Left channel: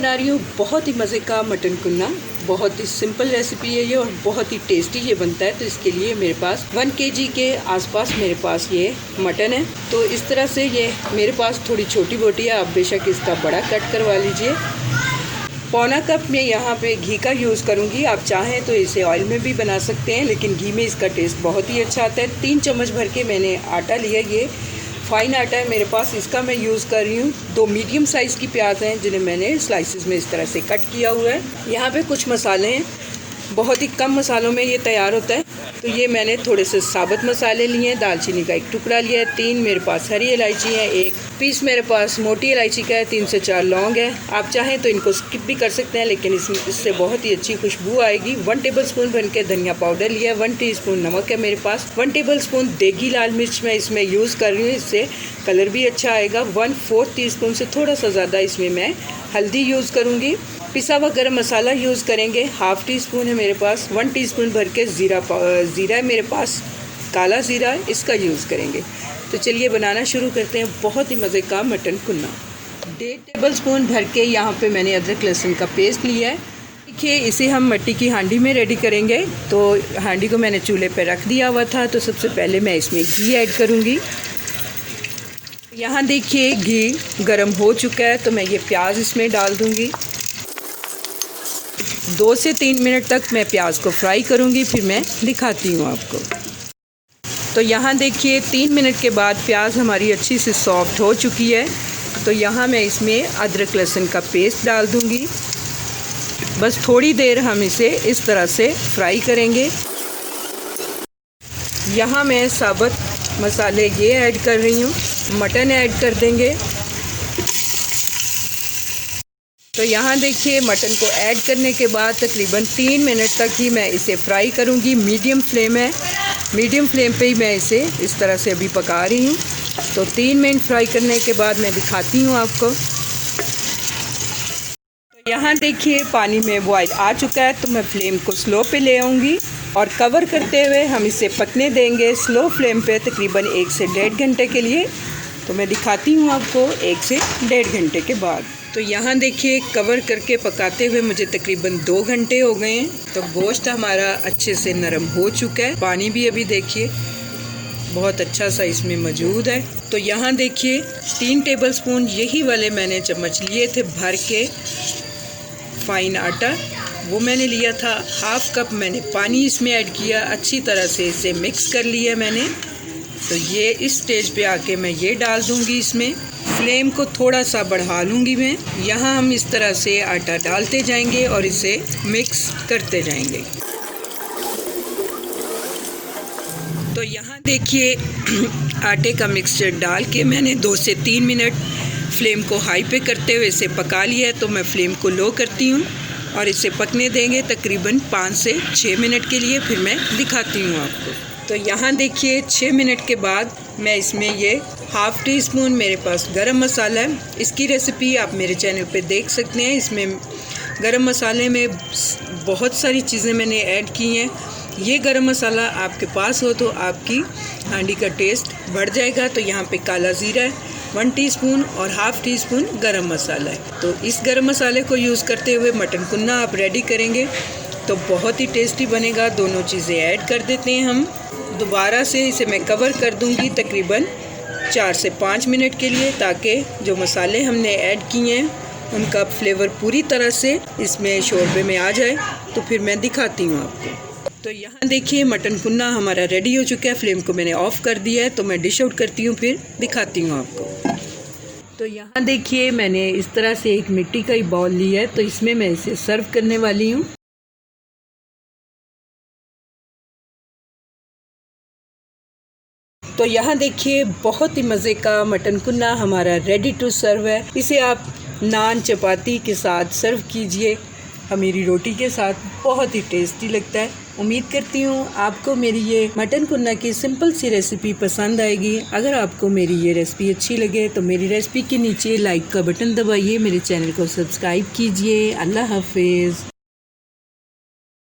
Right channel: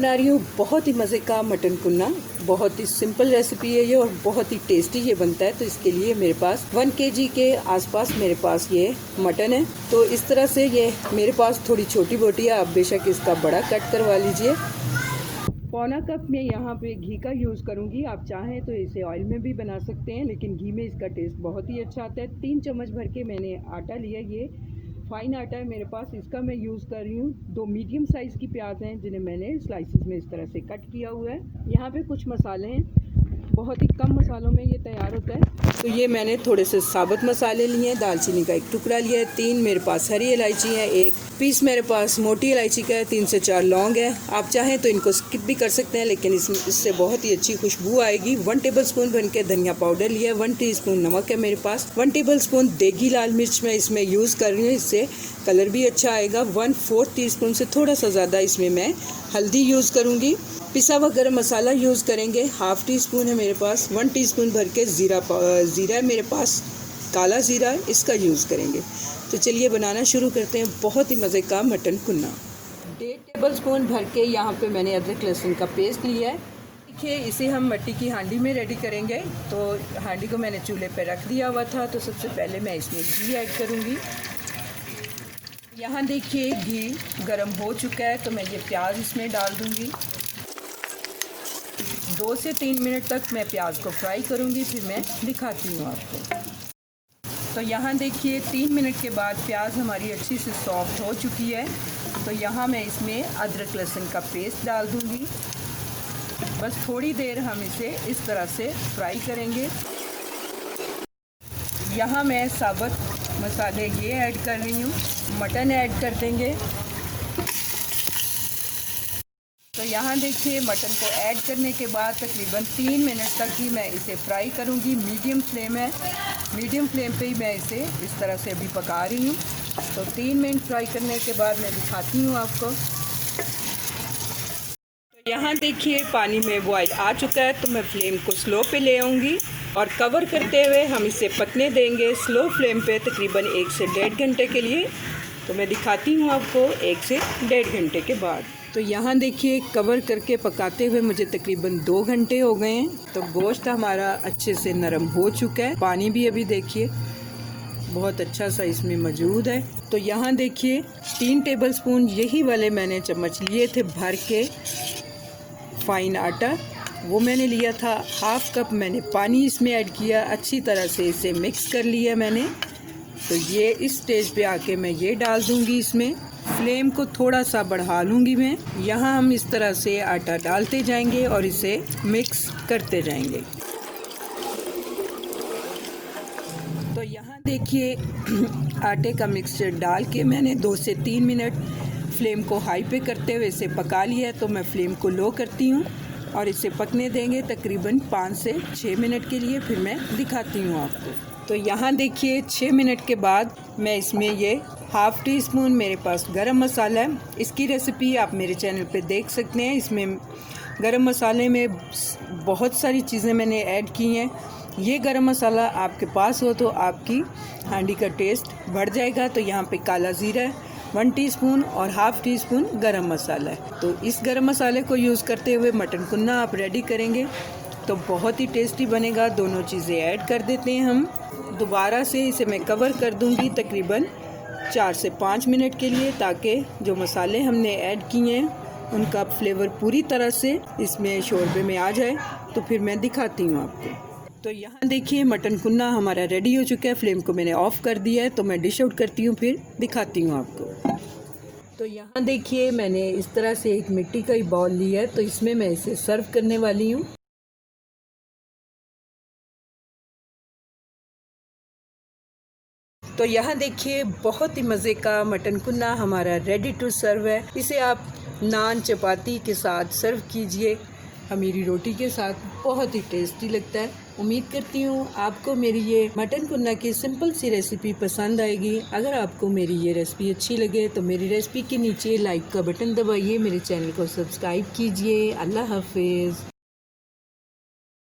बना रही हूँ बहुत ही मज़े का मटन कुन्ना। बहुत ही सिंपल रेसिपी है ये और बहुत ही टेस्टी ये बनता है। तो इसके लिए मेरे पास 1 kg के आसपास मेरे पास ये मटन है। तो इस तरह से ये मेरे पास थोड़ी छोटी बोटी है, आप बेशक इसका बड़ा कट करवा लीजिए। पौना कप में यहाँ पे घी का यूज़ करूँगी। आप चाहें तो इसे ऑयल में भी बना सकते हैं, लेकिन घी में इसका टेस्ट बहुत ही अच्छा आता है। 3 चम्मच भर के मैंने आटा लिया, ये फाइन आटा है मेरे पास, इसका मैं यूज़ कर रही हूँ। 2 मीडियम साइज़ की प्याज हैं जिन्हें मैंने स्लाइसिस में इस तरह से कट किया हुआ है। यहाँ पे कुछ मसाले हैं, बहुत ही कम मसालों में ये तैयार होता है। तो ये मैंने थोड़े से साबुत मसाले लिए हैं। दालचीनी का 1 टुकड़ा लिया है, 3 मेरे पास हरी इलायची है, 1 पीस मेरे पास मोटी इलायची का है, 3 से 4 लौंग है। आप चाहें तो इनको स्किप भी कर सकते हैं, लेकिन इससे बहुत ही अच्छी खुशबू आएगी। 1 टेबलस्पून भर के धनिया पाउडर लिया है, 1 टीस्पून नमक है मेरे पास, 1 टेबलस्पून देगी लाल मिर्च मैं इसमें यूज़ कर रही हूँ, इससे कलर भी अच्छा आएगा। 1/4 टीस्पून से थोड़ा सा ज़्यादा इसमें मैं हल्दी यूज़ करूँगी। पिसा हुआ गरम मसाला यूज़ करेंगे, 1/2 टीस्पून है मेरे पास। 1 टीस्पून भर के ज़ीरा है मेरे पास, काला ज़ीरा, इसका यूज़ करेंगे। तो चलिए बनाना शुरू करते हैं बहुत ही मज़े का मटन कुन्ना। 1.5 टेबलस्पून भर के यहाँ पे मैंने अदरक लहसुन का पेस्ट लिया है। देखिए, इसे हम मिट्टी की हांडी में रेडी करेंगे। तो हांडी को मैंने चूल्हे पे रख दिया हुआ था। तो सबसे पहले मैं इसमें घी ऐड करूँगी। यहाँ देखिए घी गर्म हो चुका है, तो मैं ये प्याज इसमें डाल दूँगी। 2 से 3 मिनट तक मैं प्याज को फ्राई करूँगी, फिर मैं दिखाती हूँ आपको। तो यहाँ देखिए 3 मिनट के बाद प्याज हमारी अच्छी से सॉफ्ट हो चुकी है। तो यहाँ मैं इसमें अदरक लहसुन का पेस्ट डाल दूँगी। बस थोड़ी देर हम इसे इस तरह से फ्राई करेंगे। यहाँ मैं साबुत मसाले ये ऐड कर रही हूँ, मटन ऐड कर देंगे। तो यहाँ देखिए मटन को ऐड करने के बाद तकरीबन 3 मिनट तक ही मैं इसे फ्राई करूँगी। मीडियम फ्लेम है, मीडियम फ्लेम पे ही मैं इसे इस तरह से अभी पका रही हूँ। तो 3 मिनट फ्राई करने के बाद मैं दिखाती हूँ आपको। तो यहाँ देखिए पानी में बॉयल आ चुका है, तो मैं फ्लेम को स्लो पे ले आऊँगी और कवर करते हुए हम इसे पकने देंगे स्लो फ्लेम पे तकरीबन 1 से 1.5 घंटे के लिए। तो मैं दिखाती हूँ आपको 1 से 1.5 घंटे के बाद। तो यहाँ देखिए कवर करके पकाते हुए मुझे तकरीबन 2 घंटे हो गए हैं। तो गोश्त हमारा अच्छे से नरम हो चुका है। पानी भी अभी देखिए बहुत अच्छा सा इसमें मौजूद है। तो यहाँ देखिए 3 टेबलस्पून यही वाले मैंने चम्मच लिए थे भर के फाइन आटा, वो मैंने लिया था। 1/2 कप मैंने पानी इसमें ऐड किया, अच्छी तरह से इसे मिक्स कर लिया मैंने। तो ये इस स्टेज पे आके मैं ये डाल दूँगी इसमें। फ्लेम को थोड़ा सा बढ़ा लूँगी मैं। यहाँ हम इस तरह से आटा डालते जाएंगे और इसे मिक्स करते जाएंगे। तो यहाँ देखिए आटे का मिक्सचर डाल के मैंने 2 से 3 मिनट फ्लेम को हाई पे करते हुए इसे पका लिया है। तो मैं फ्लेम को लो करती हूँ और इसे पकने देंगे तकरीबन 5 से 6 मिनट के लिए, फिर मैं दिखाती हूँ आपको। तो यहाँ देखिए 6 मिनट के बाद मैं इसमें ये 1/2 टीस्पून मेरे पास गरम मसाला है। इसकी रेसिपी आप मेरे चैनल पे देख सकते हैं। इसमें गरम मसाले में बहुत सारी चीज़ें मैंने ऐड की हैं। ये गरम मसाला आपके पास हो तो आपकी हांडी का टेस्ट बढ़ जाएगा। तो यहाँ पे काला ज़ीरा है 1 टीस्पून और 1/2 टीस्पून गरम मसाला है। तो इस गरम मसाले को यूज़ करते हुए मटन कुन्ना आप रेडी करेंगे तो बहुत ही टेस्टी बनेगा। दोनों चीज़ें ऐड कर देते हैं हम। दोबारा से इसे मैं कवर कर दूंगी तकरीबन 4 से 5 मिनट के लिए, ताकि जो मसाले हमने ऐड किए हैं उनका फ्लेवर पूरी तरह से इसमें शोरबे में आ जाए। तो फिर मैं दिखाती हूँ आपको। तो यहाँ देखिए मटन कुन्ना हमारा रेडी हो चुका है। फ्लेम को मैंने ऑफ़ कर दिया है। तो मैं डिश आउट करती हूँ, फिर दिखाती हूँ आपको। तो यहाँ देखिए मैंने इस तरह से एक मिट्टी का ही बाउल लिया है, तो इसमें मैं इसे सर्व करने वाली हूँ। तो यहाँ देखिए बहुत ही मज़े का मटन कुन्ना हमारा रेडी टू सर्व है। इसे आप नान चपाती के साथ सर्व कीजिए, मेरी रोटी के साथ, बहुत ही टेस्टी लगता है। उम्मीद करती हूँ आपको मेरी ये मटन कुन्ना की सिंपल सी रेसिपी पसंद आएगी। अगर आपको मेरी ये रेसिपी अच्छी लगे तो मेरी रेसिपी के नीचे लाइक का बटन दबाइए, मेरे चैनल को सब्सक्राइब कीजिए। अल्लाह हाफिज़।